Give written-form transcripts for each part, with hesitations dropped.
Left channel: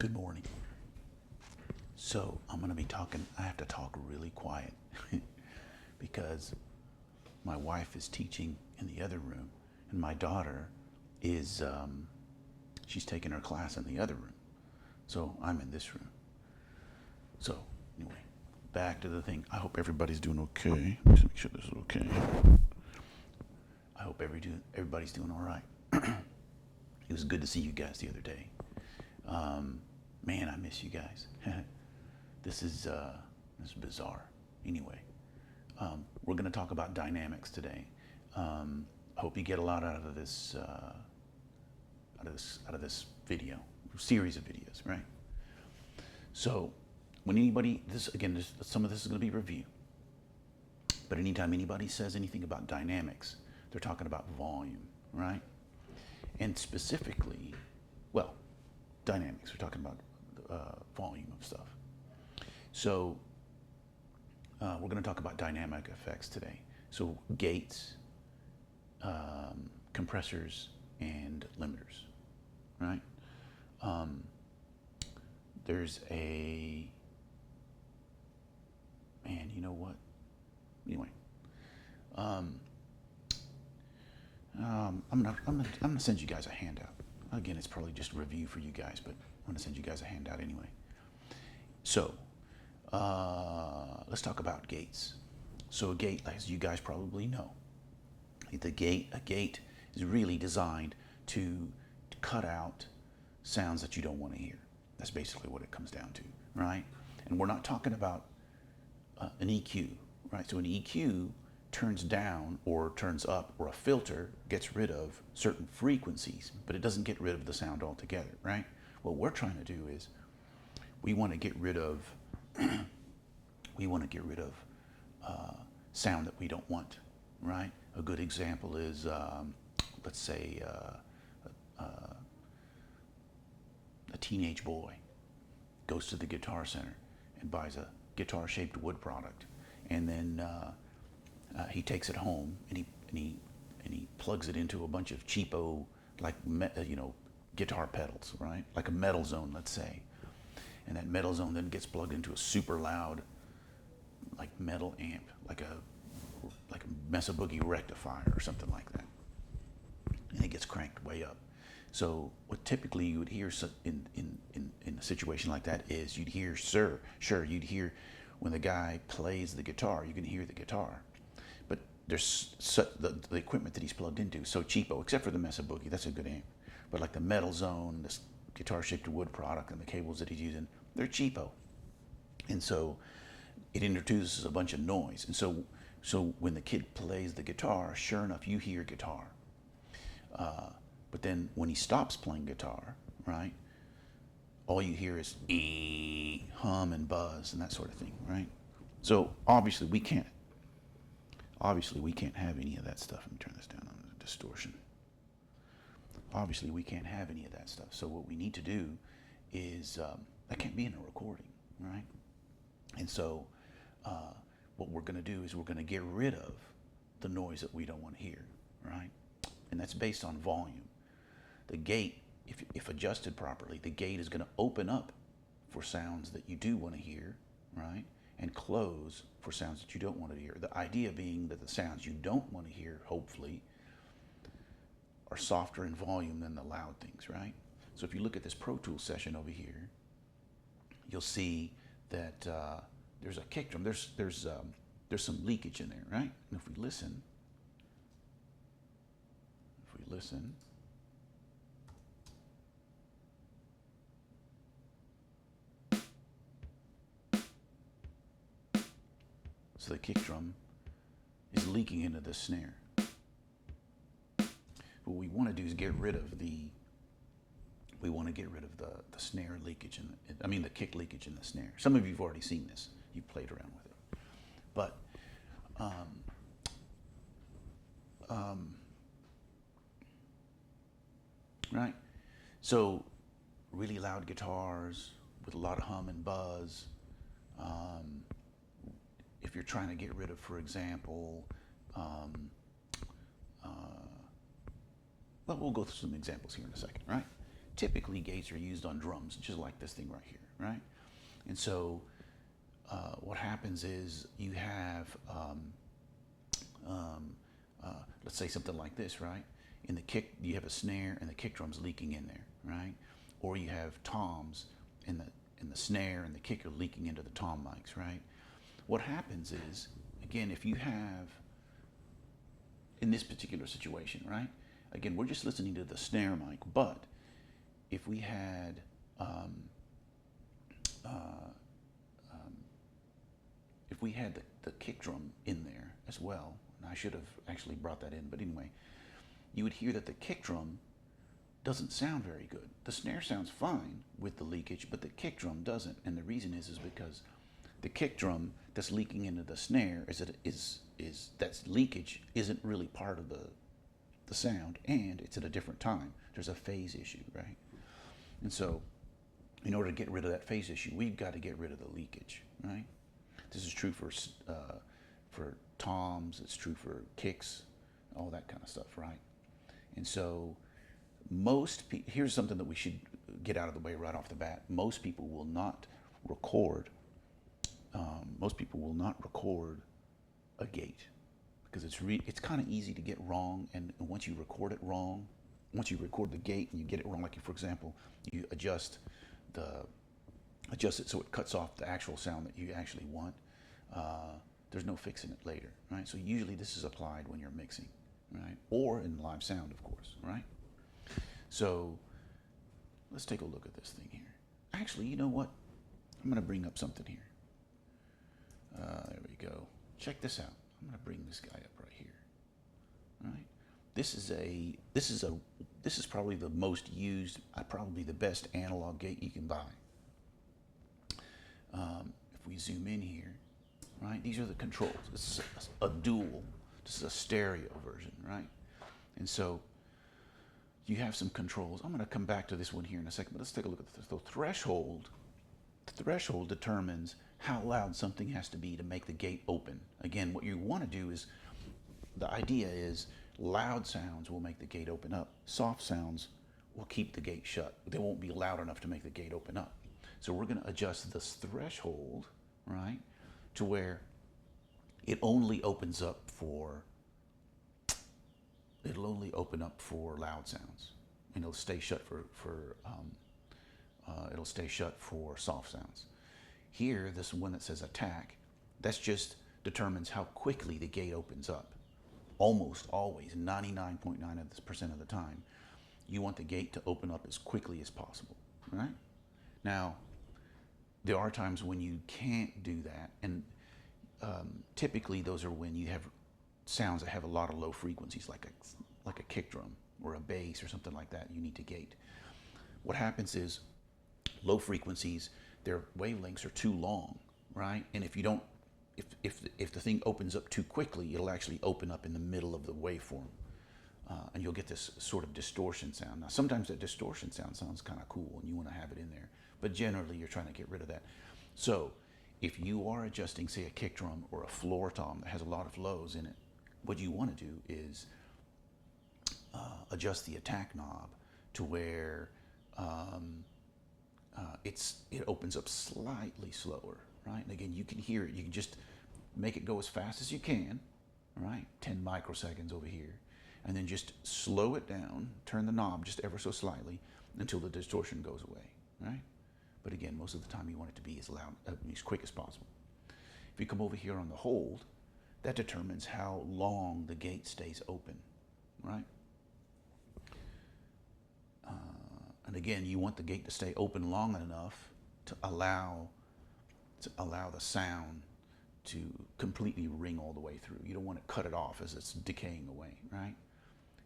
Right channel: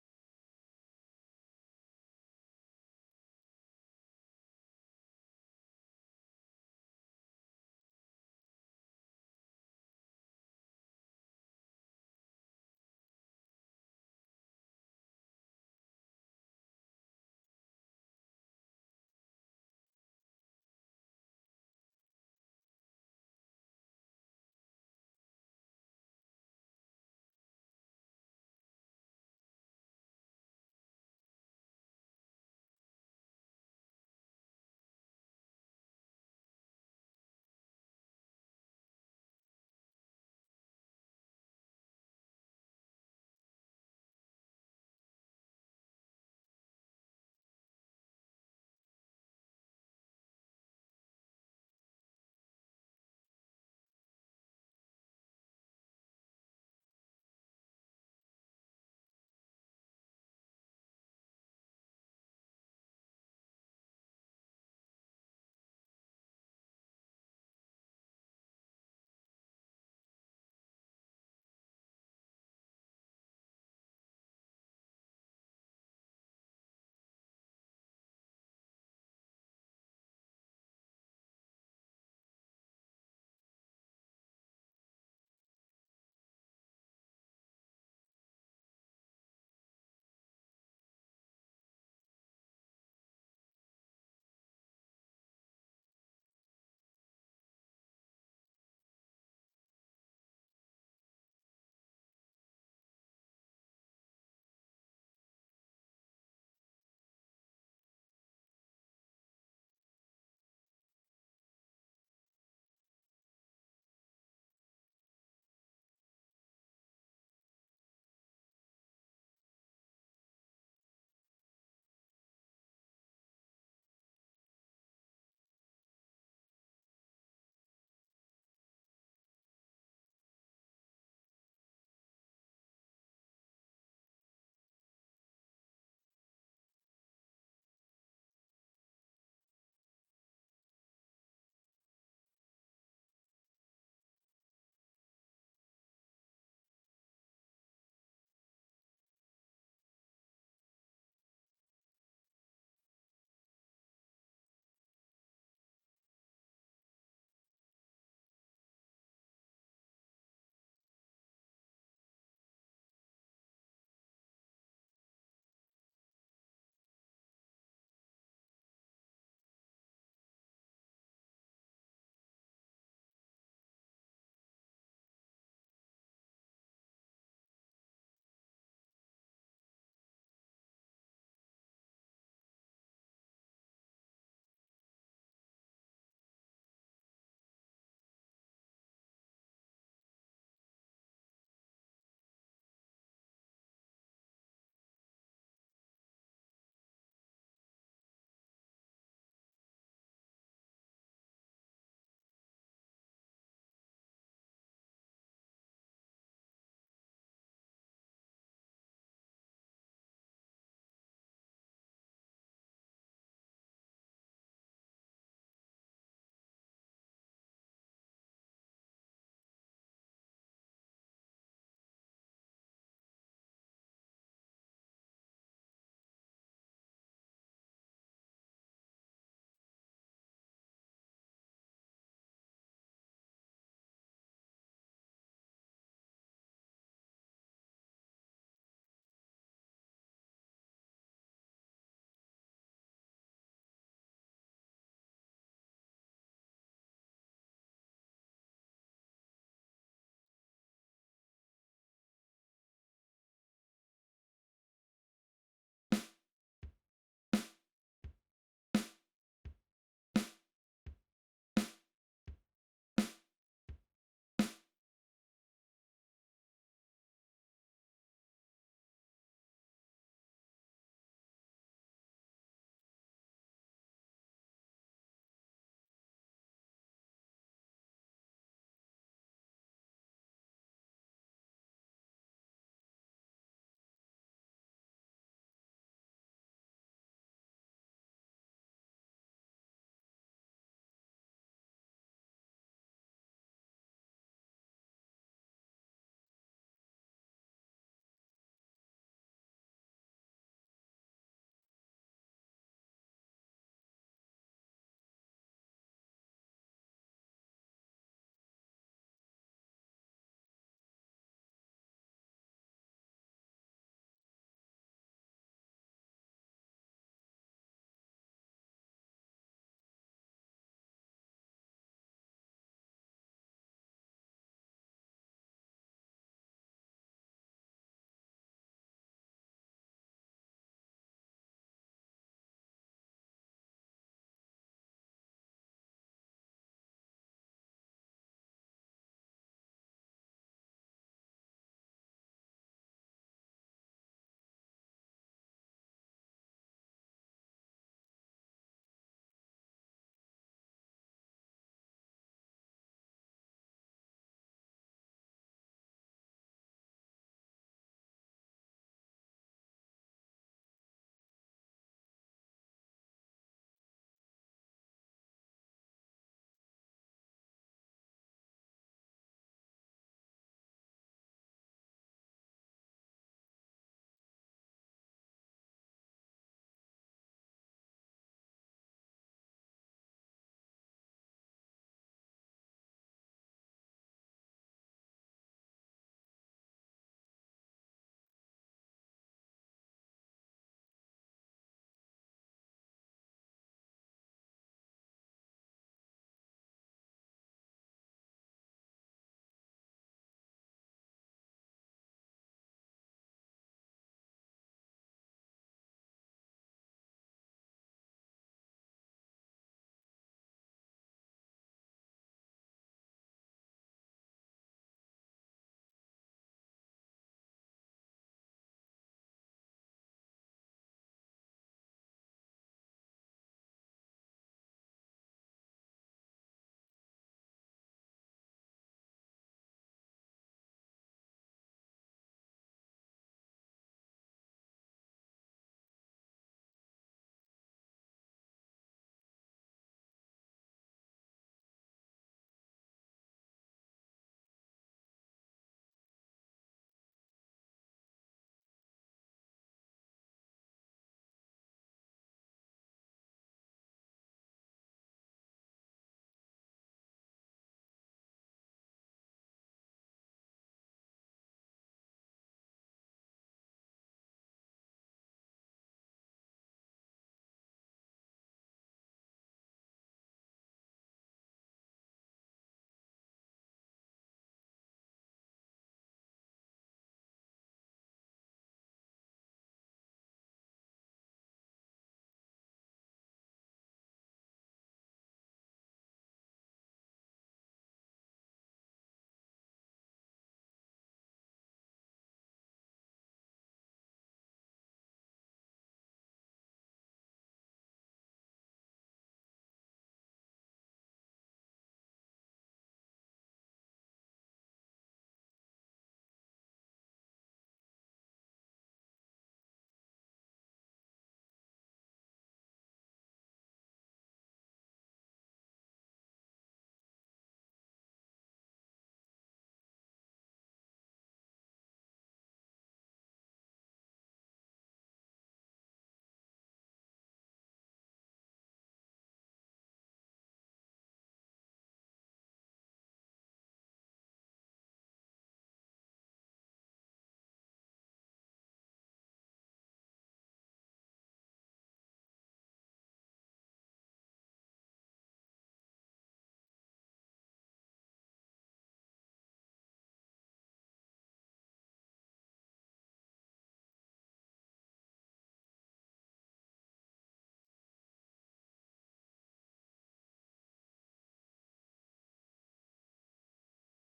Good morning. So I'm going to be talking, I have to talk really quiet because my wife is teaching in the other room and my daughter is, she's taking her class in the other room. So I'm in this room. So anyway, back to the thing. I hope everybody's doing okay. Let's make sure this is okay. I hope everybody's doing all right. It was good to see you guys the other day. Man, I miss you guys. This is bizarre. Anyway, we're going to talk about dynamics today. I hope you get a lot out of this video, series of videos, right? So, when anybody, some of this is going to be review. But anytime anybody says anything about dynamics, they're talking about volume, right? And specifically, well, dynamics. We're talking about volume of stuff. So we're going to talk about dynamic effects today. So gates, compressors, and limiters, right? There's a, man, you know what? Anyway, I'm gonna send you guys a handout. Again, it's probably just a review for you guys, but I'm gonna send you guys a handout anyway. So let's talk about gates. So a gate, as you guys probably know, a gate is really designed to cut out sounds that you don't want to hear. That's basically what it comes down to, right? And we're not talking about an EQ, right? So an EQ turns down or turns up, or a filter gets rid of certain frequencies, but it doesn't get rid of the sound altogether, right? What we're trying to do is we want to get rid of sound that we don't want, right? A good example is, let's say, a teenage boy goes to the Guitar Center and buys a guitar-shaped wood product, and then he takes it home and he plugs it into a bunch of cheapo, like guitar pedals, right? Like a Metal Zone, let's say, and that Metal Zone then gets plugged into a super loud, like metal amp, like a Mesa Boogie rectifier or something like that, and it gets cranked way up. So what typically you would hear in a situation like that is you'd hear, you'd hear when the guy plays the guitar, you can hear the guitar, but there's the equipment that he's plugged into is so cheapo, except for the Mesa Boogie, that's a good amp, but like the Metal Zone, this guitar-shaped wood product, and the cables that he's using, they're cheapo, and so it introduces a bunch of noise. And so when the kid plays the guitar, sure enough, you hear guitar. But then when he stops playing guitar, right, all you hear is hum and buzz and that sort of thing, right? So obviously we can't have any of that stuff. Let me turn this down on the distortion. Obviously we can't have any of that stuff. So what we need to do is, that can't be in a recording, right? And so what we're going to do is we're going to get rid of the noise that we don't want to hear, right? And that's based on volume. The gate, if adjusted properly, the gate is going to open up for sounds that you do want to hear, right? And close for sounds that you don't want to hear. The idea being that the sounds you don't want to hear, hopefully, are softer in volume than the loud things, right? So if you look at this Pro Tools session over here, you'll see that there's a kick drum. There's some leakage in there, right? And if we listen, so the kick drum is leaking into the snare. What we want to do is get rid of the snare leakage the kick leakage in the snare. Some of you have already seen this. You've played around with it. But right? So really loud guitars with a lot of hum and buzz. If you're trying to get rid of, for example, well, we'll go through some examples here in a second, right? typically gates are used on drums, just like this thing right here, right? And so what happens is you have, let's say something like this, right? In the kick, you have a snare and the kick drum's leaking in there, right? Or you have toms and the snare and the kick are leaking into the tom mics, right? What happens is, again, if you have, in this particular situation, right? Again, we're just listening to the snare mic, but if we had the kick drum in there as well, and I should have actually brought that in, but anyway, you would hear that the kick drum doesn't sound very good. The snare sounds fine with the leakage, but the kick drum doesn't, and the reason is because the kick drum that's leaking into the snare that's leakage isn't really part of the sound, and it's at a different time. There's a phase issue, right? And so, in order to get rid of that phase issue, we've got to get rid of the leakage, right? This is true for toms. It's true for kicks, all that kind of stuff, right? And so, here's something that we should get out of the way right off the bat. Most people will not record. Most people will not record a gate because it's kind of easy to get wrong. And once you record it wrong, once you record the gate and you get it wrong, like for example, you adjust it so it cuts off the actual sound that you actually want. There's no fixing it later, right? So usually this is applied when you're mixing, right? Or in live sound, of course, right? So let's take a look at this thing here. Actually, you know what? I'm going to bring up something here. There we go. Check this out. I'm going to bring this guy up right here. All right. This is probably the most used, probably the best analog gate you can buy. If we zoom in here, right? These are the controls. This is a dual. This is a stereo version, right? And so you have some controls. I'm going to come back to this one here in a second, but let's take a look at this. The threshold determines how loud something has to be to make the gate open. Again, what you want to do is, the idea is loud sounds will make the gate open up. Soft sounds will keep the gate shut. They won't be loud enough to make the gate open up. So we're going to adjust this threshold, right, to where it only opens up for loud sounds, and it'll stay shut it'll stay shut for soft sounds. Here, this one that says attack, that's just determines how quickly the gate opens up. Almost always, 99.9% of the time, you want the gate to open up as quickly as possible, right? Now, there are times when you can't do that, and typically those are when you have sounds that have a lot of low frequencies, like a kick drum or a bass or something like that. You need to gate. What happens is low frequencies, their wavelengths are too long, right? And if the thing opens up too quickly, it'll actually open up in the middle of the waveform, and you'll get this sort of distortion sound. Now, sometimes that distortion sound sounds kind of cool, and you want to have it in there, but generally you're trying to get rid of that. So, if you are adjusting, say, a kick drum or a floor tom that has a lot of lows in it, what you want to do is adjust the attack knob to where it opens up slightly slower, right? And again, you can hear it. You can just make it go as fast as you can, right? 10 microseconds over here. And then just slow it down, turn the knob just ever so slightly until the distortion goes away, right? But again, most of the time you want it to be as loud, as quick as possible. If you come over here on the hold, that determines how long the gate stays open, right? And again, you want the gate to stay open long enough to allow the sound to completely ring all the way through. You don't want to cut it off as it's decaying away, right?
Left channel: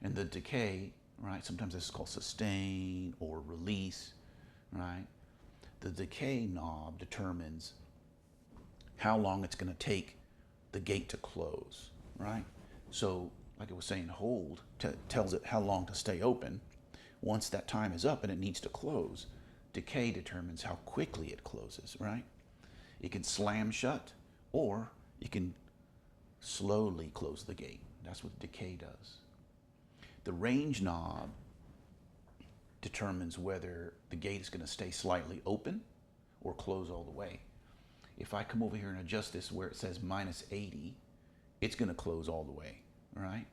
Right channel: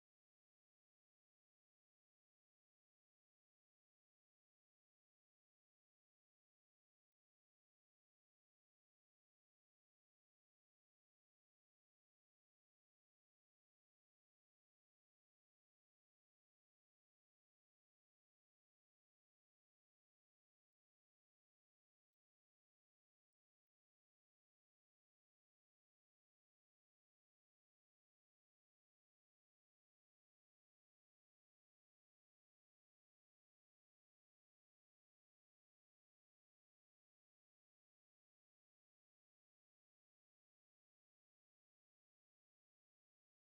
And the decay, right, sometimes this is called sustain or release, right? The decay knob determines how long it's going to take the gate to close, right? So, like I was saying, hold tells it how long to stay open. Once that time is up and it needs to close, decay determines how quickly it closes, right? It can slam shut, or it can slowly close the gate. That's what decay does. The range knob determines whether the gate is going to stay slightly open or close all the way. If I come over here and adjust this where it says minus 80, it's going to close all the way, right?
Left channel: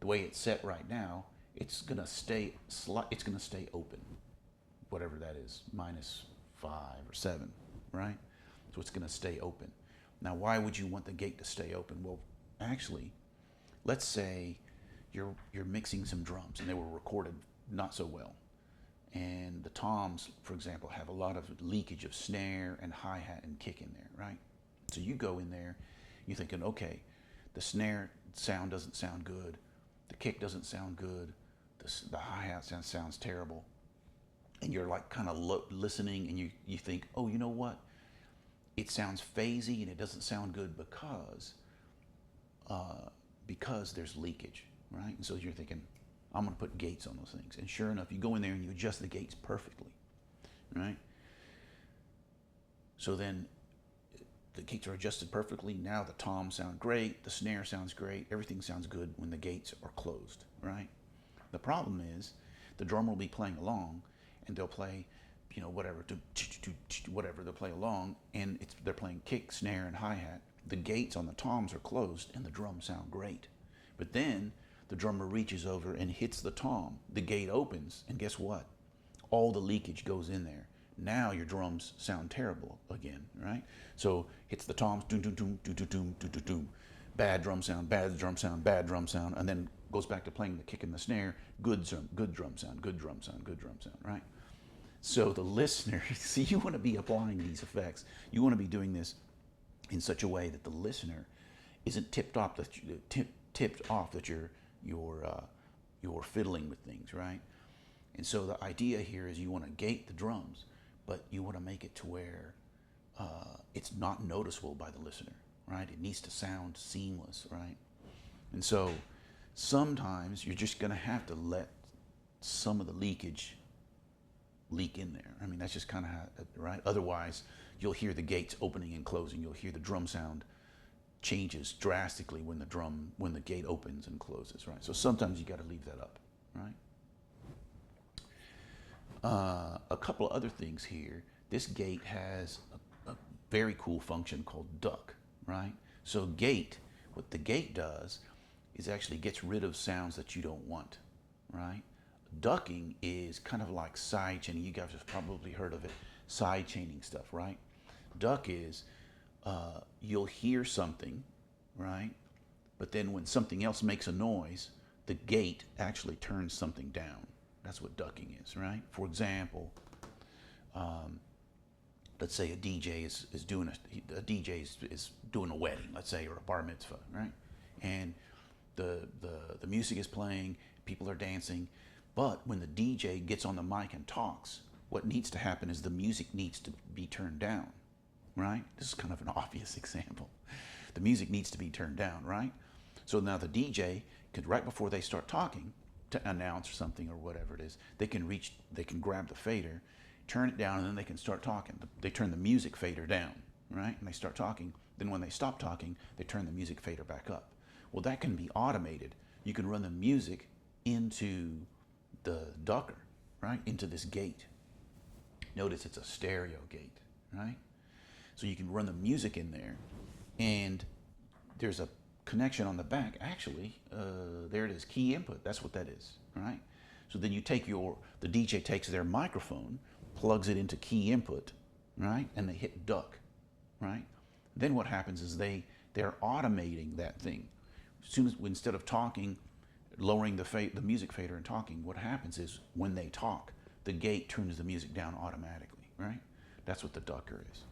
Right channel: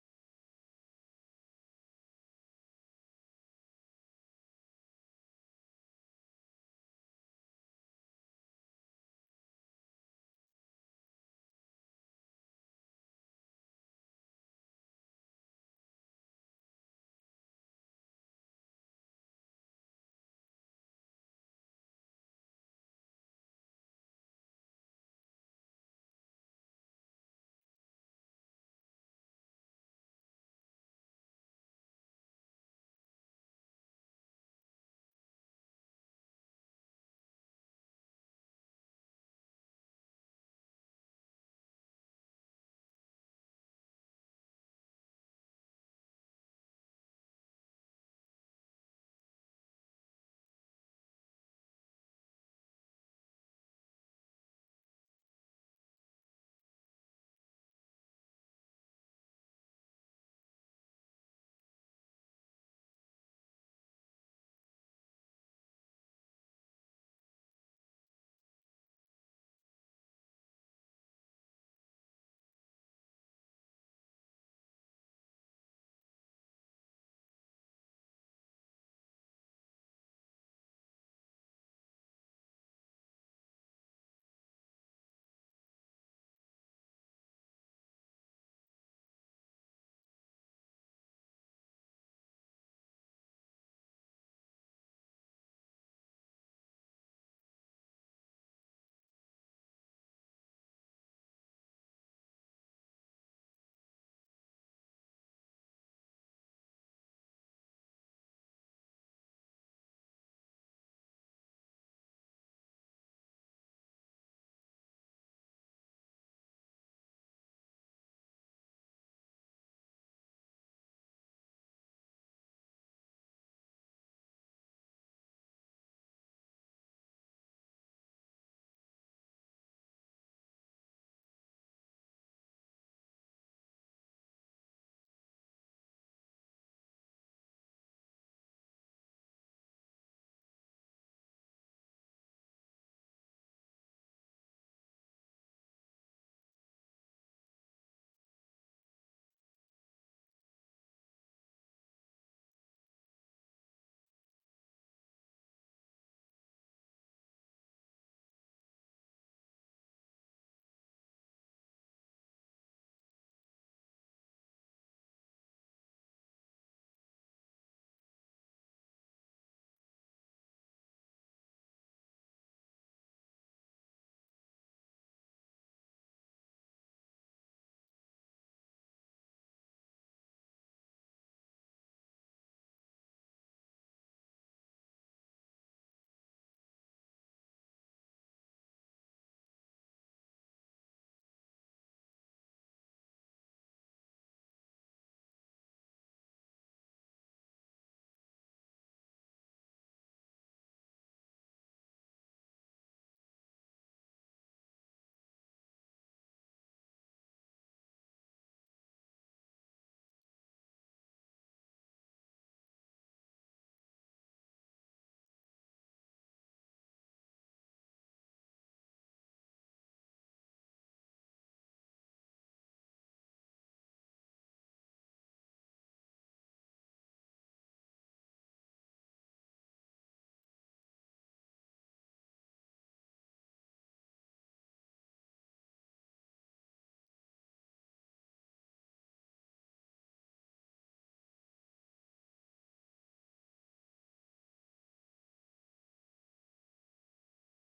The way it's set right now, it's going to stay open, whatever that is, minus 5 or 7, right? So it's going to stay open. Now, why would you want the gate to stay open? Well, actually, let's say you're mixing some drums and they were recorded not so well. And the toms, for example, have a lot of leakage of snare and hi-hat and kick in there, right? So you go in there, you're thinking, okay, the snare sound doesn't sound good, the kick doesn't sound good, the hi-hat sounds terrible. And you're like kind of listening and you think, oh, you know what? It sounds phasey and it doesn't sound good because there's leakage, right? And so you're thinking, I'm going to put gates on those things. And sure enough, you go in there and you adjust the gates perfectly, right? So then the gates are adjusted perfectly. Now the toms sound great, the snare sounds great, everything sounds good when the gates are closed, right? The problem is the drummer will be playing along and they'll play, you know, whatever, whatever, they'll play along and they're playing kick, snare, and hi-hat. The gates on the toms are closed and the drums sound great. But then the drummer reaches over and hits the tom. The gate opens, and guess what? All the leakage goes in there. Now your drums sound terrible again, right? So hits the toms, doom, doom, doom, doom, doom, doom, doom, doom, doom. Bad drum sound, bad drum sound, bad drum sound, and then goes back to playing the kick and the snare. Good drum sound, good drum sound, good drum sound, good drum sound, right? So the listener, see, you want to be applying these effects. You want to be doing this in such a way that the listener isn't tipped off that you're fiddling with things, right? And so the idea here is you want to gate the drums, but you want to make it to where it's not noticeable by the listener, right? It needs to sound seamless, right? And so sometimes you're just going to have to let some of the leakage leak in there. I mean, that's just kind of how, right? Otherwise, you'll hear the gates opening and closing. You'll hear the drum sound changes drastically when the gate opens and closes, right? So sometimes you got to leave that up, right? A couple of other things here. This gate has a very cool function called duck, right? So what the gate does is actually gets rid of sounds that you don't want, right? Ducking is kind of like side chaining. You guys have probably heard of it, side chaining stuff, right? Duck is you'll hear something, right? But then when something else makes a noise, the gate actually turns something down. That's what ducking is, right? For example, let's say a DJ is doing a wedding, let's say, or a bar mitzvah, right? And the music is playing, people are dancing, but when the DJ gets on the mic and talks, what needs to happen is the music needs to be turned down, right? This is kind of an obvious example. The music needs to be turned down, right? So now the DJ could, right before they start talking to announce something or whatever it is, they can grab the fader, turn it down, and then they can start talking. They turn the music fader down, right? And they start talking. Then when they stop talking, they turn the music fader back up. Well, that can be automated. You can run the music into the ducker, right? Into this gate. Notice it's a stereo gate, right? So you can run the music in there, and there's a connection on the back. Actually, there it is, key input. That's what that is, right? So then you take the DJ takes their microphone, plugs it into key input, right? And they hit duck, right? Then what happens is they're automating that thing. As soon as, instead of talking, lowering the music fader and talking, what happens is when they talk, the gate turns the music down automatically, right? That's what the ducker is.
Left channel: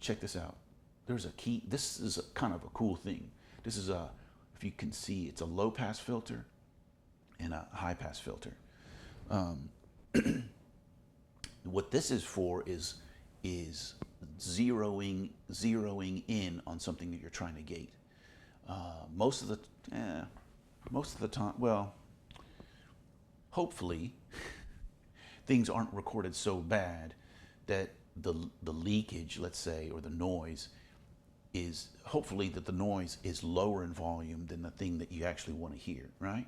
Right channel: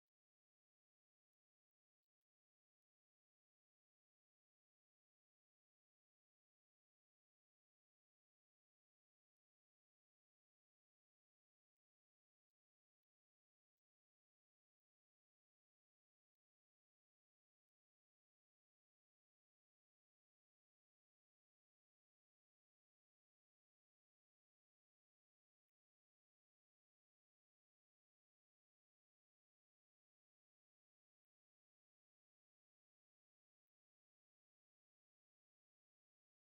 Check this out. There's a key. This is kind of a cool thing. This is if you can see, it's a low pass filter and a high pass filter. What this is for is zeroing in on something that you're trying to gate. Most of the time, well, hopefully, things aren't recorded so bad that the leakage, let's say, or the noise is hopefully that the noise is lower in volume than the thing that you actually want to hear, right?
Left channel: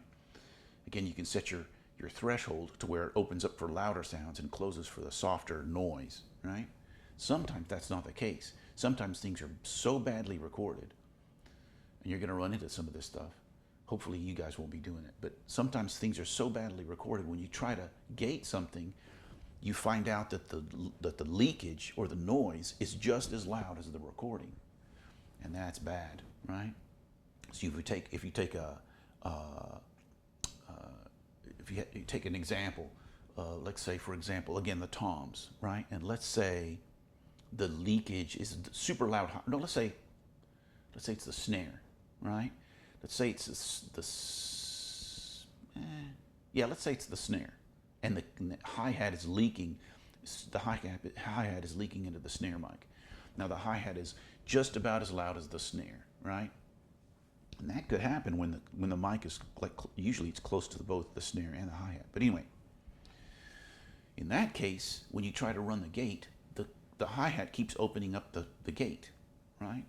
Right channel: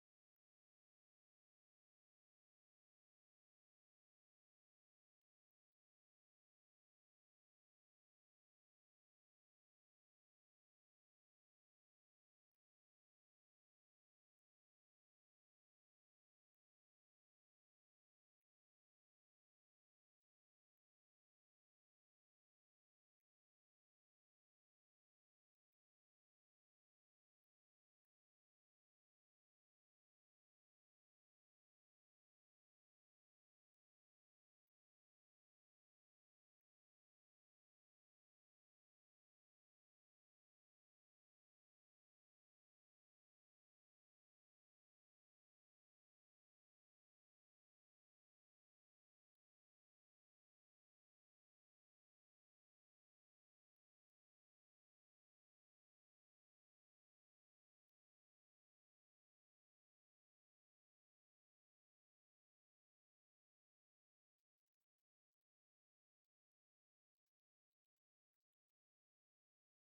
Again, you can set your threshold to where it opens up for louder sounds and closes for the softer noise, right? Sometimes that's not the case. Sometimes things are so badly recorded, and you're going to run into some of this stuff. Hopefully you guys won't be doing it, but sometimes things are so badly recorded when you try to gate something, you find out that the leakage or the noise is just as loud as the recording, and that's bad, right? So if you take an example, let's say for example again the toms, right? And let's say the leakage is super loud. No, let's say it's the snare, right? Let's say it's let's say it's the snare, and the hi-hat is leaking. The hi-hat is leaking into the snare mic. Now the hi-hat is just about as loud as the snare, right? And that could happen when the mic is usually it's close to both the snare and the hi-hat. But anyway, in that case, when you try to run the gate, the hi-hat keeps opening up the gate, right?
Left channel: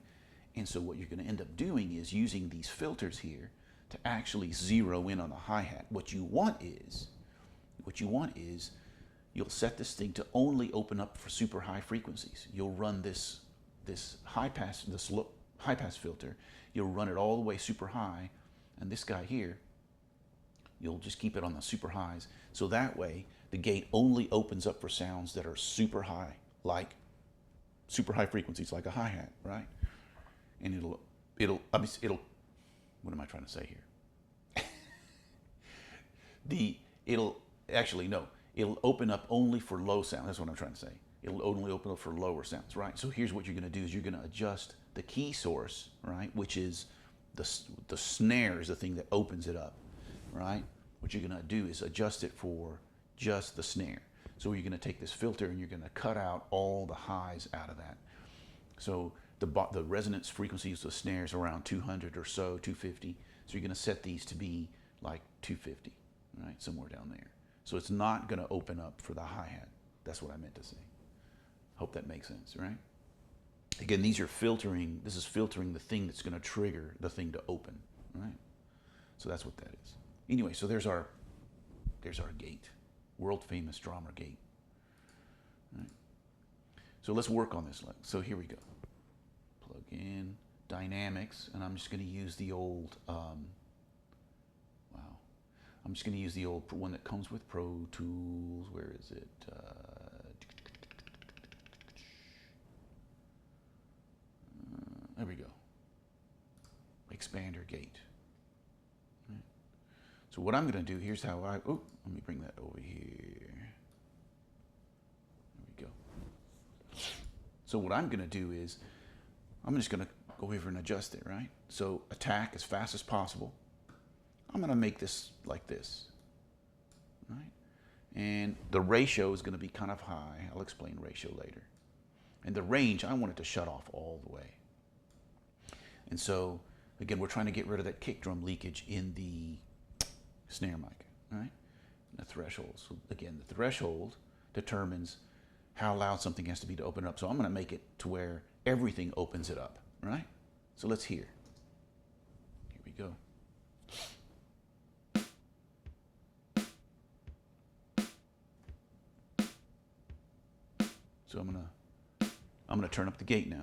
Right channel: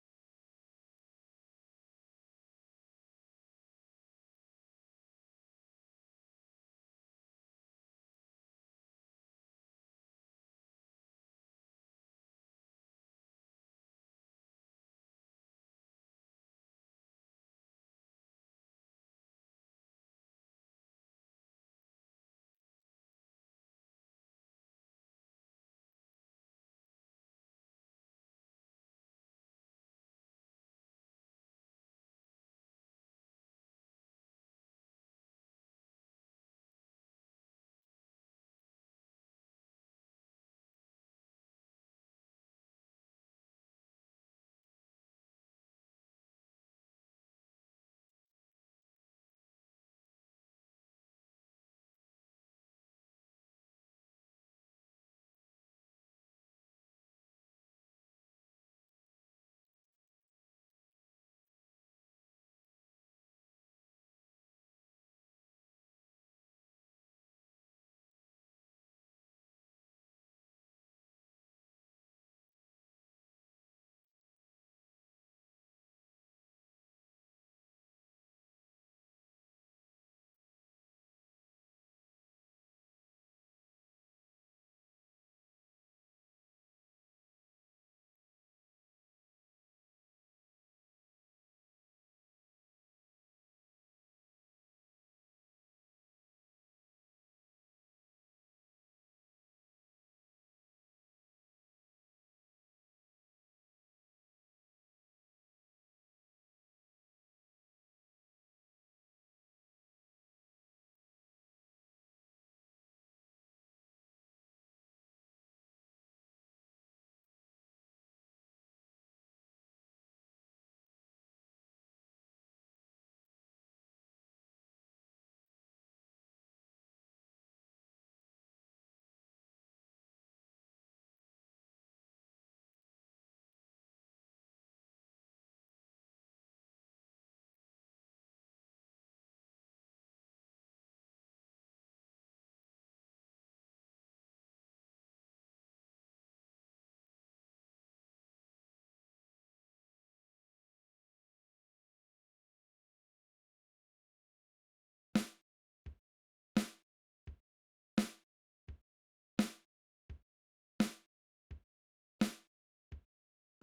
And so what you're going to end up doing is using these filters here to actually zero in on the hi-hat. What you want is you'll set this thing to only open up for super high frequencies. You'll run this high pass filter. You'll run it all the way super high, and this guy here, you'll just keep it on the super highs. So that way, the gate only opens up for sounds that are super high, like super high frequencies, like a hi-hat, right? And it'll what am I trying to say here? It'll open up only for low sound. That's what I'm trying to say. It'll only open up for lower sounds, right? So here's what you're going to do is you're going to adjust the key source, right? Which is the snare is the thing that opens it up, right? What you're going to do is adjust it for just the snare. So you're going to take this filter and you're going to cut out all the highs out of that. So the resonance frequencies of snares around 200 or so, 250. So you're going to set these to be like 250, right? Somewhere down there. So it's not going to open up for the hi-hat. That's what I meant to say. Hope that makes sense, right? Again, this is filtering the thing that's going to trigger the thing to open, right? So that's what that is. Anyway, so there's our gate, world famous drummer gate. Right? So let's work on this. So here we go. Plug in dynamics, and I'm just going to use the old. I'm just going to use the old one that comes with Pro Tools. Where is it? There we go. Expander gate. Right. So what I'm going to do, here's how let me bring that over here. There we go. So what I'm going to do is, I'm just going to go over and adjust it, right? So attack as fast as possible. I'm going to make this like this, right? And the ratio is going to be kind of high. I'll explain ratio later. And the range, I want it to shut off all the way. And so, again, we're trying to get rid of that kick drum leakage in the snare mic, right? The threshold. So again, the threshold determines how loud something has to be to open it up. So I'm going to make it to where everything opens it up, right? So let's hear. Here we go. So I'm gonna turn up the gate now.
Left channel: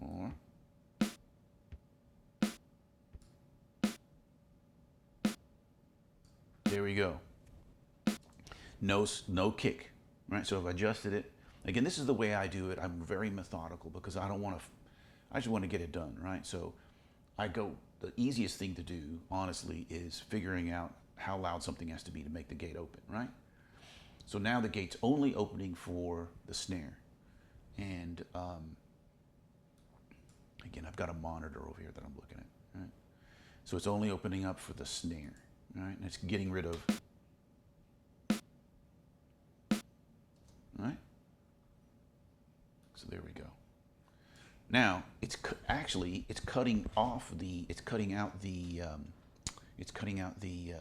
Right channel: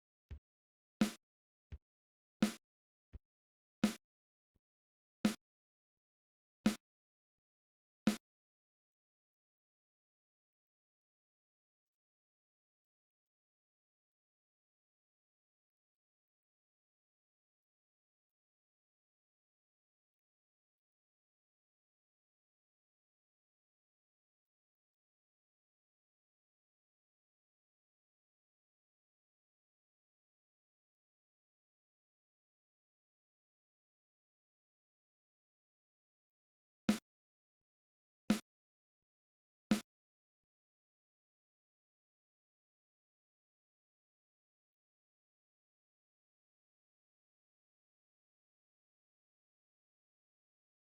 More. There we go. No kick, right? So I've adjusted it. Again, this is the way I do it. I'm very methodical because I just want to get it done, right? So the easiest thing to do, honestly, is figuring out how loud something has to be to make the gate open, right? So now the gate's only opening for the snare. And again, I've got a monitor over here that I'm looking at, right? So it's only opening up for the snare, right? And it's getting rid of, right? So there we go. Now actually it's cutting off the it's cutting out the it's cutting out the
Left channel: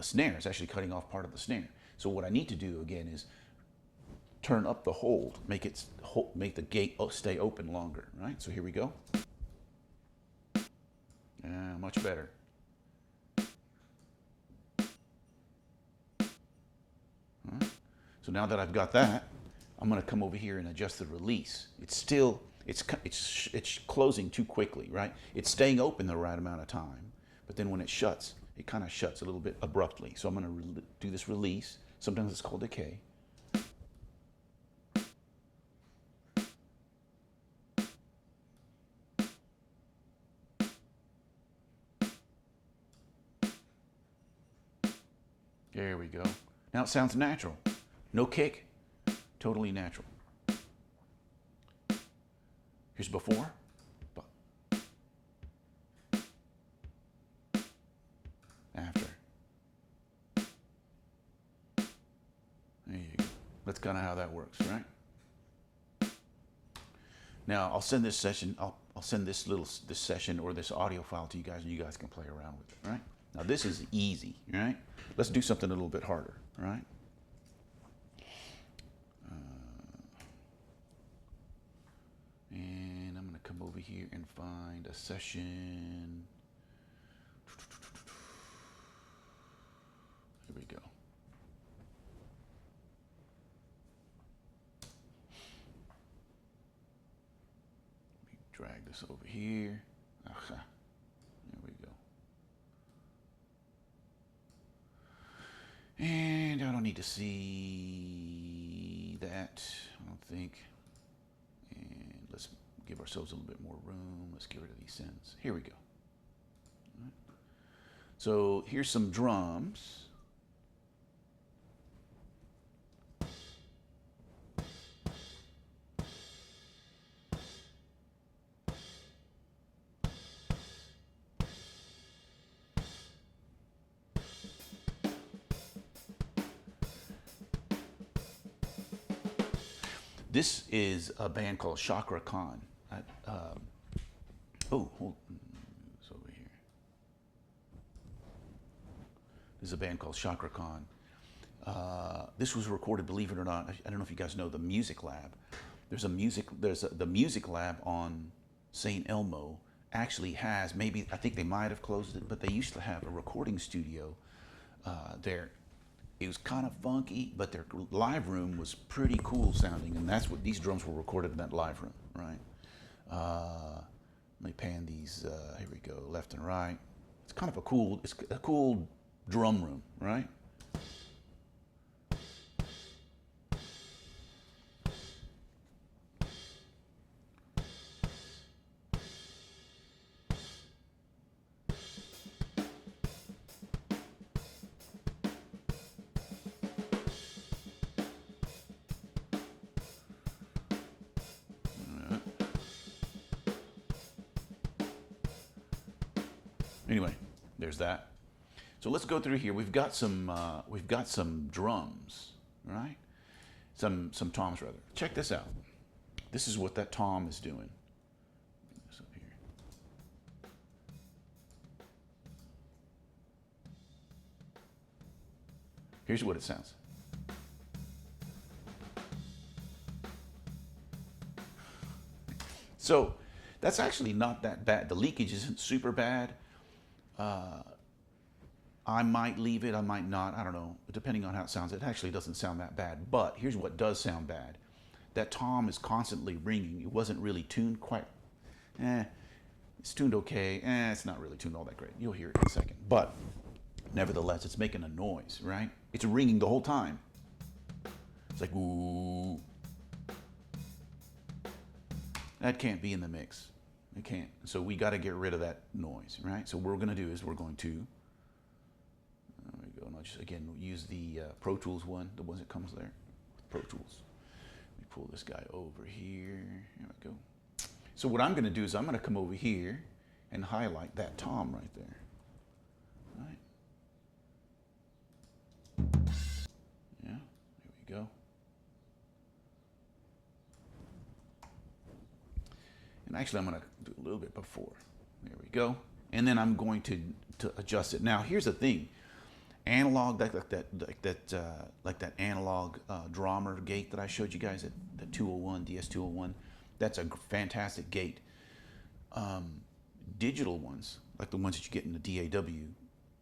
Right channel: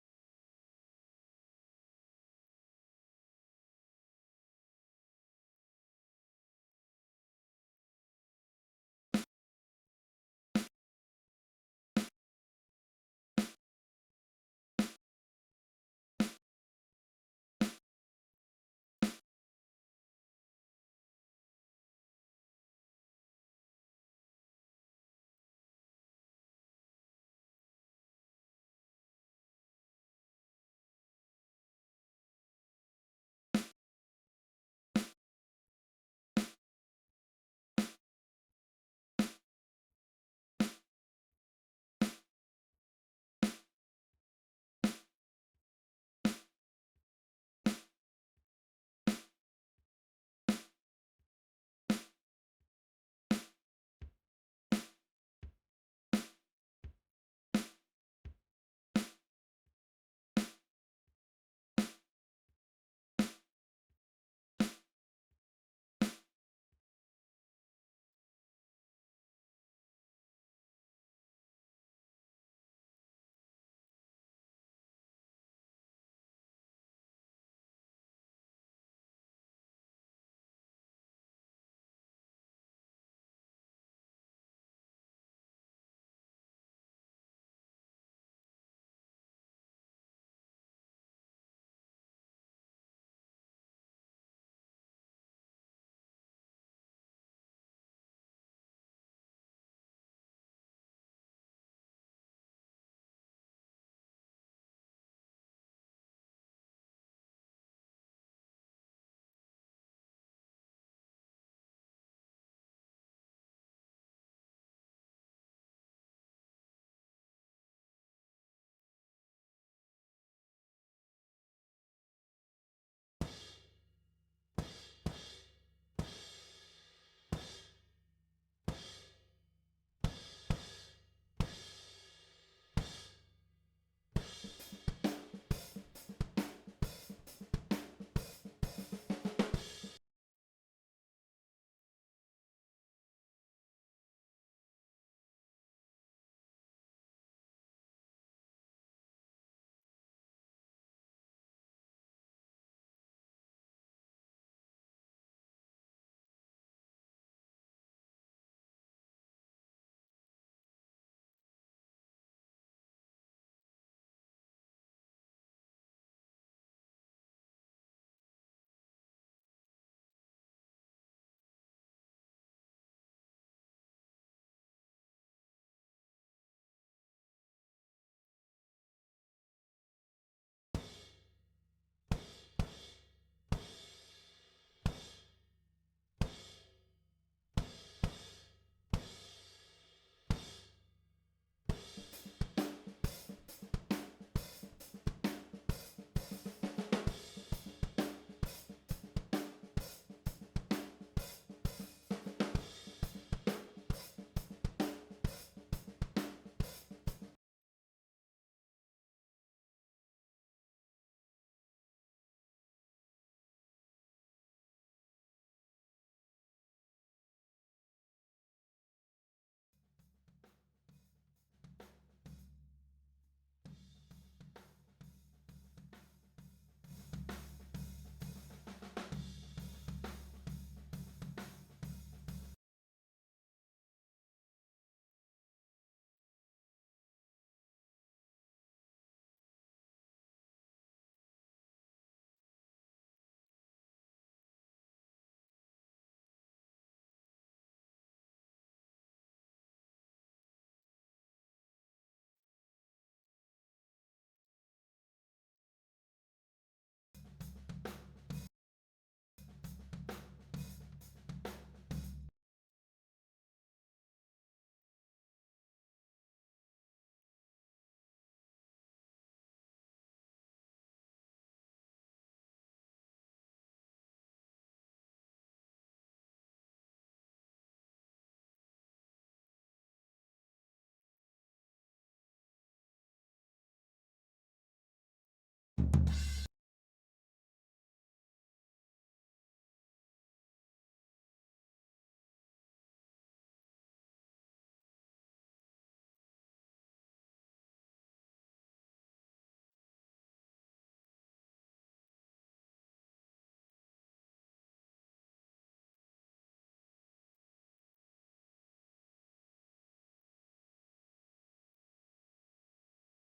snare. It's actually cutting off part of the snare. So what I need to do again is turn up the hold, make the gate stay open longer. Right. So here we go. Much better. So now that I've got that, I'm going to come over here and adjust the release. It's still it's closing too quickly, right? It's staying open the right amount of time, but then when it shuts, it kind of shuts a little bit abruptly. So I'm going to do this release. Sometimes it's called decay. There we go. Now it sounds natural. No kick, totally natural. Here's before. After. There you go. That's kind of how that works, right? Now I'll send this session. I'll send this session or this audio file to you guys, and you guys can play around with it, right? Now this is easy, right? Let's do something a little bit harder, right? And I'm going to come over here and find a session. Here we go. Let me drag this over here. Aha. There we go. And I don't need to see that, I don't think. And let's give ourselves a little bit more room. Let's get rid of these synths. Here we go. Right. So here's some drums. This is a band called Chakra Khan. Hold it's over here. This is a band called Chakra Khan. This was recorded, believe it or not. I don't know if you guys know the Music Lab. The Music Lab on St. Elmo actually has, maybe, I think they might have closed it, but they used to have a recording studio there. It was kind of funky, but their live room was pretty cool sounding, and that's what these drums were recorded in that live room, right? Let me pan these. Here we go, left and right. It's kind of a cool drum room, right? Anyway, there's that. So let's go through here. We've got some drums, right? Some toms rather. Check this out. This is what that tom is doing. Bring this up here. Here's what it sounds. So that's actually not that bad. The leakage isn't super bad. I might leave it, I might not, I don't know, depending on how it sounds. It actually doesn't sound that bad, but here's what does sound bad. That tom is constantly ringing. It wasn't really tuned quite, it's tuned okay, it's not really tuned all that great. You'll hear it in a second, but nevertheless, it's making a noise, right? It's ringing the whole time. It's like, ooh. That can't be in the mix. It can't. So we got to get rid of that noise, right? So what we're going to do is we're going to, there we go, and I'll just, again, use the Pro Tools one, the ones that comes there, Pro Tools. Let me pull this guy over here. Here we go. So what I'm going to do is I'm going to come over here and highlight that tom right there. Right? Yeah, there we go. And actually, I'm going to do a little bit before. There we go. And then I'm going to adjust it. Now, here's the thing. Analog, like that analog Drummer gate that I showed you guys at the 201, DS201, that's a fantastic gate. Digital ones, like the ones that you get in the DAW,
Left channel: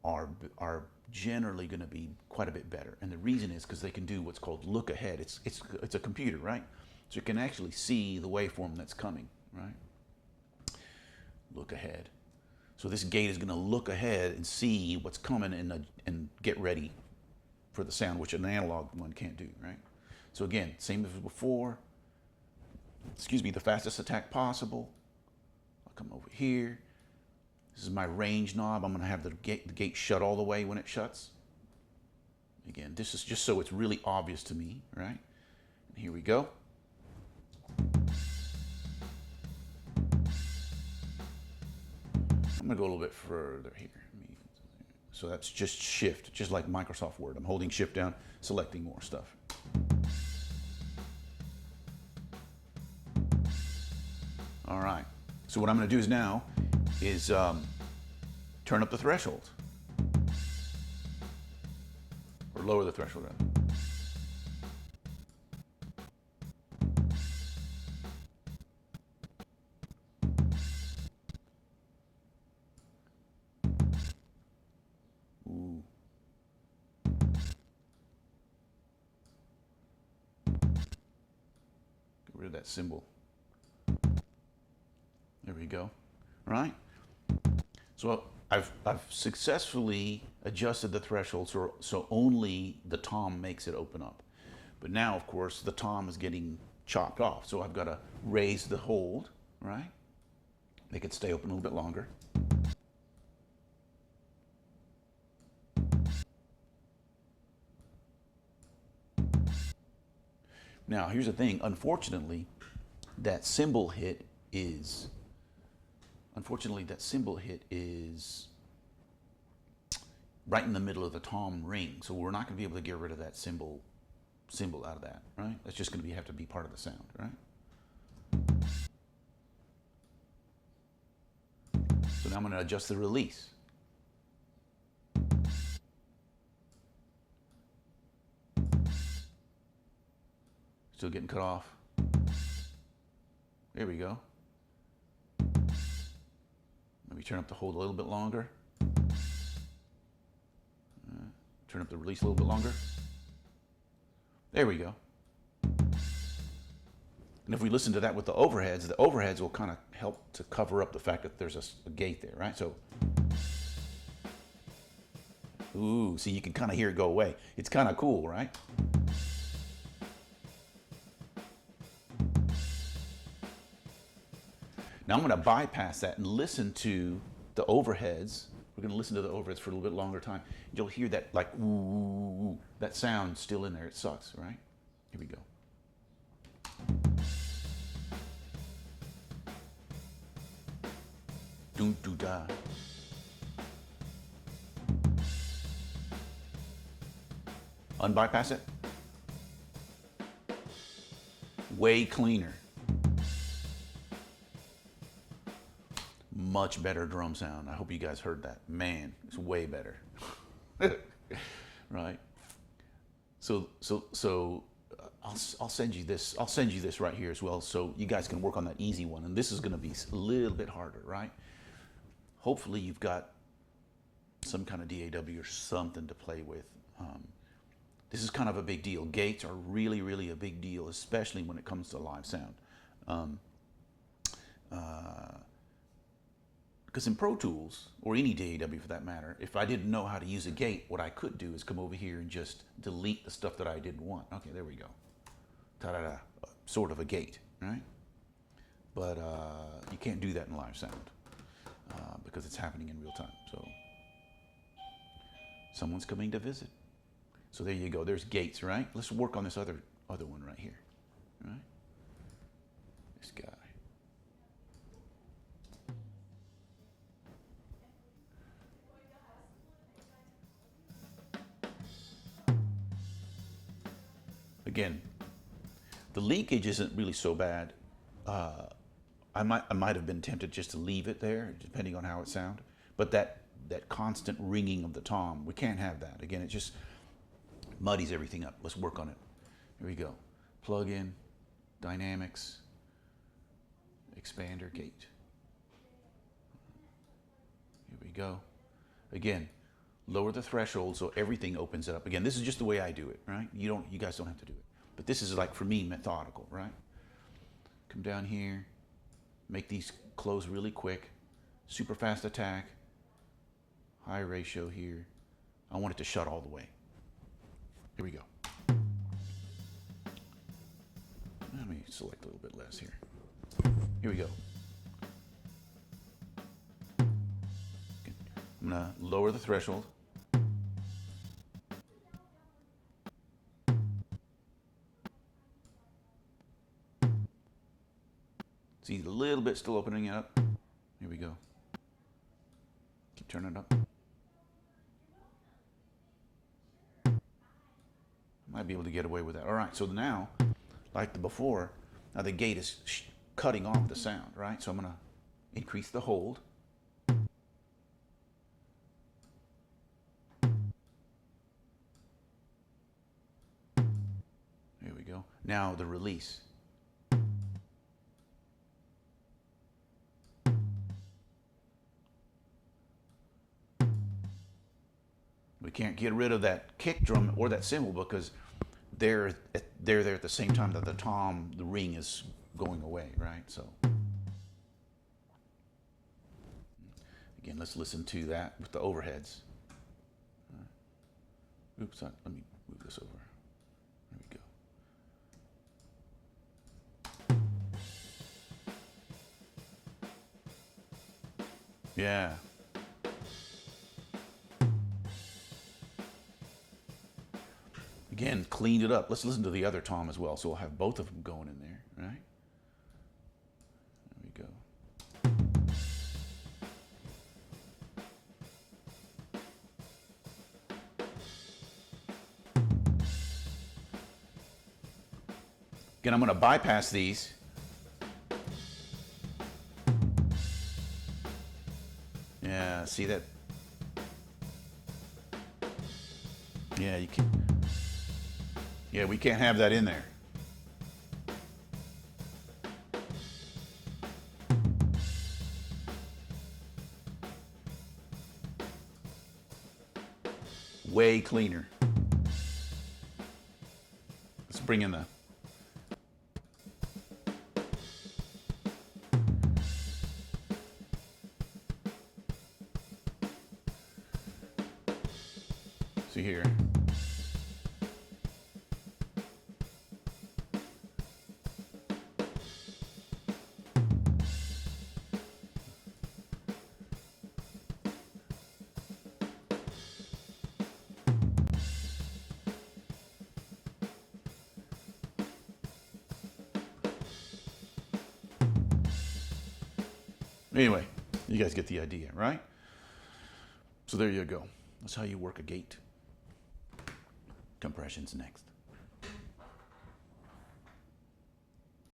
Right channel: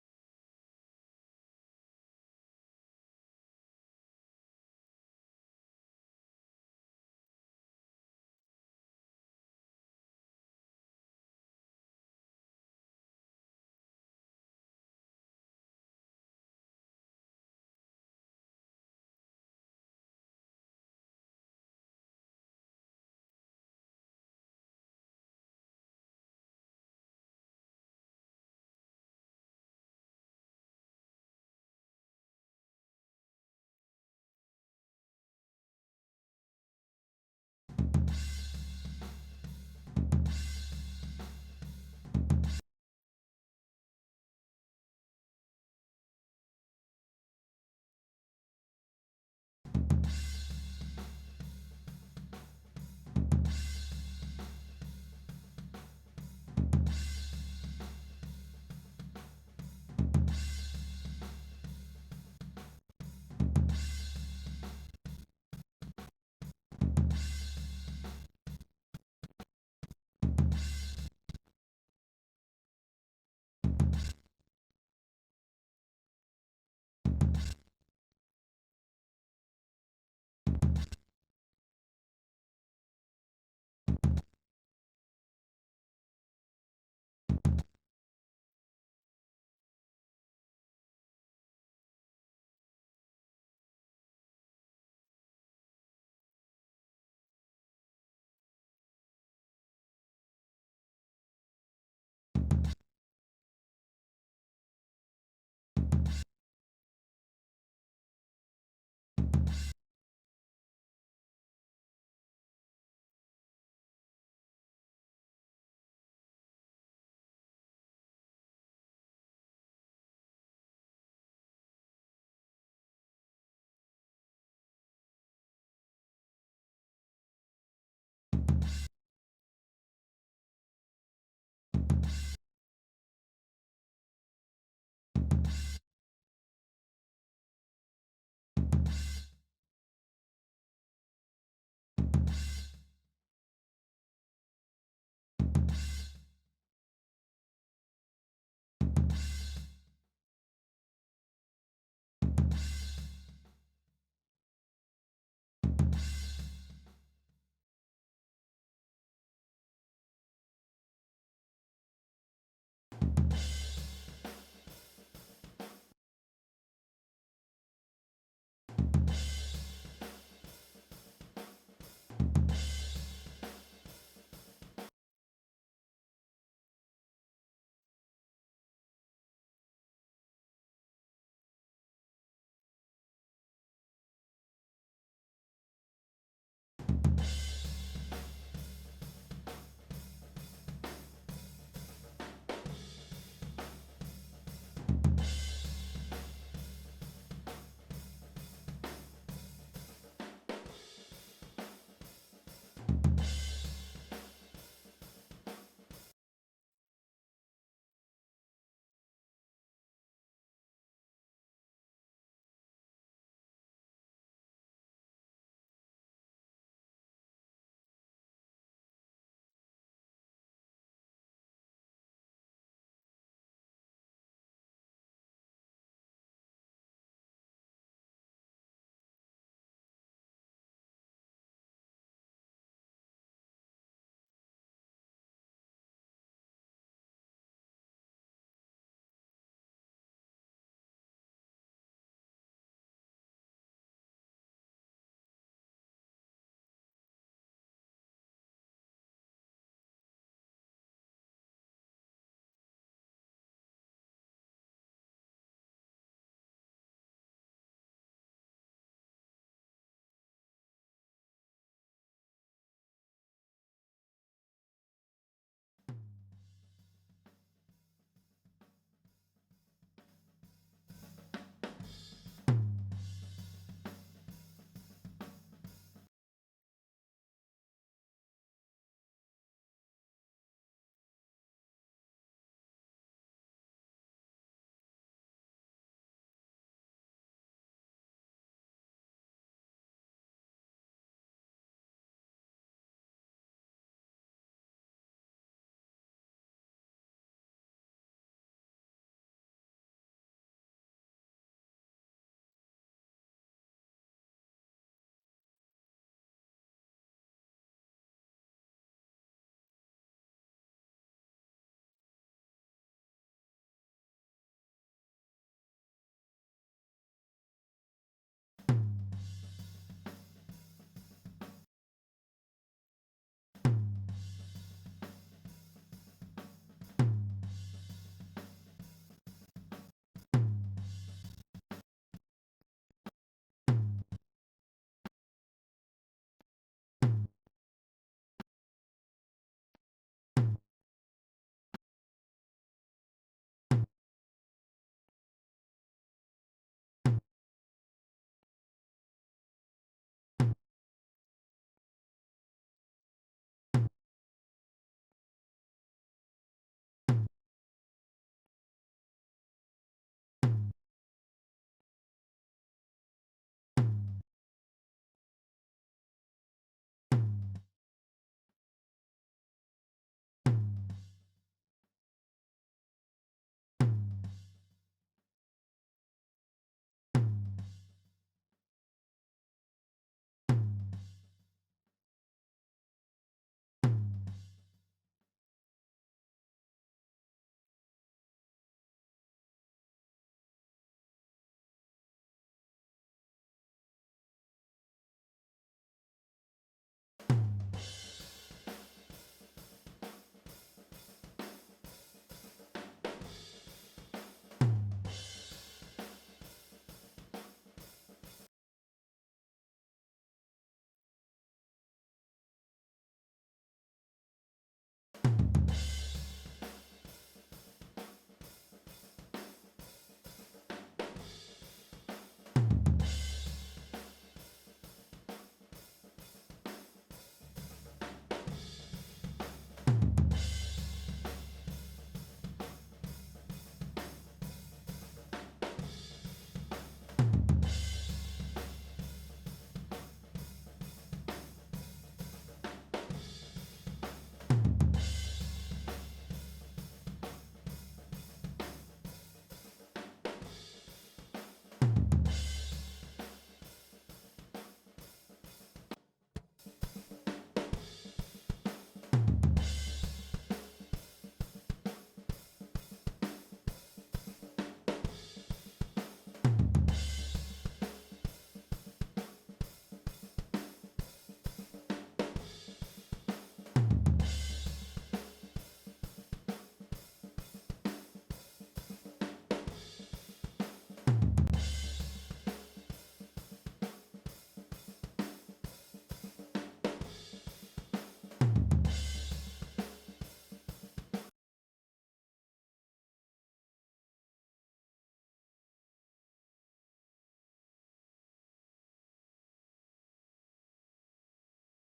are generally going to be quite a bit better. And the reason is because they can do what's called look ahead. It's a computer, right? So you can actually see the waveform that's coming, right? Look ahead. So this gate is going to look ahead and see what's coming and get ready for the sound, which an analog one can't do, right? So again, same as before. Excuse me, the fastest attack possible. I'll come over here. This is my range knob. I'm going to have the gate shut all the way when it shuts. Again, this is just so it's really obvious to me, right? And here we go. I'm going to go a little bit further here. So that's just shift, just like Microsoft Word. I'm holding shift down, selecting more stuff. All right. So what I'm going to do is now is turn up the threshold. Or lower the threshold. Ooh. Get rid of that symbol. There we go. All right. So I've successfully adjusted the threshold so only the tom makes it open up. But now, of course, the tom is getting chopped off. So I've got to raise the hold, right? Make it stay open a little bit longer. Now, here's the thing. Unfortunately, that cymbal hit is right in the middle of the tom ring. So we're not going to be able to get rid of that cymbal out of that, right? That's just going to have to be part of the sound, right? So now I'm going to adjust the release. Still getting cut off. There we go. Maybe turn up the hold a little bit longer. Turn up the release a little bit longer. There we go. And if we listen to that with the overheads will kind of help to cover up the fact that there's a gate there, right? So, ooh, see, you can kind of hear it go away. It's kind of cool, right? Now I'm going to bypass that and listen to the overheads. We're going to listen to the overheads for a little bit longer time. You'll hear that like ooh, that sound still in there. It sucks, right? Here we go. Doo doo da. Unbypass it. Way cleaner. Much better drum sound. I hope you guys heard that. Man, it's way better. Right? So I'll send you this. I'll send you this right here as well, so you guys can work on that easy one. And this is going to be a little bit harder, right? Hopefully you've got some kind of DAW or something to play with. This is kind of a big deal. Gates are really, really a big deal, especially when it comes to live sound. Because in Pro Tools, or any DAW for that matter, if I didn't know how to use a gate, what I could do is come over here and just delete the stuff that I didn't want. Okay, there we go. Ta-da-da, sort of a gate, right? But you can't do that in live sound because it's happening in real time. So someone's coming to visit. So there you go, there's gates, right? Let's work on this other one right here, right? This guy. Again, the leakage isn't really so bad I might have been tempted just to leave it there, depending on how it sounded. But that constant ringing of the tom, we can't have that. Again, it just muddies everything up. Let's work on it. Here we go. Plug in, dynamics, expander, gate. Here we go. Again, lower the threshold so everything opens it up. Again, this is just the way I do it, right? You guys don't have to do it. But this is like, for me, methodical, right? Come down here, make these close really quick, super fast attack, high ratio here. I want it to shut all the way. Here we go. Let me select a little bit less here. Here we go. I'm gonna lower the threshold. See, a little bit still opening it up. Here we go. Keep turning it up. Might be able to get away with that. All right, so now, like the before, now the gate is cutting off the sound, right? So I'm gonna increase the hold. Here we go. Now the release. We can't get rid of that kick drum or that cymbal because they're there at the same time that the ring is going away, right? So again, let's listen to that with the overheads. Oops, let me move this over. There we go. Yeah. Again, cleaned it up. Let's listen to the other tom as well. So we'll have both of them going in there, right? There we go. Again, I'm going to bypass these. Yeah, see that? Yeah, you can. Yeah, we can't have that in there. Way cleaner. Let's bring in the see here. Anyway, you guys get the idea, right? So there you go. That's how you work a gate. Compression's next.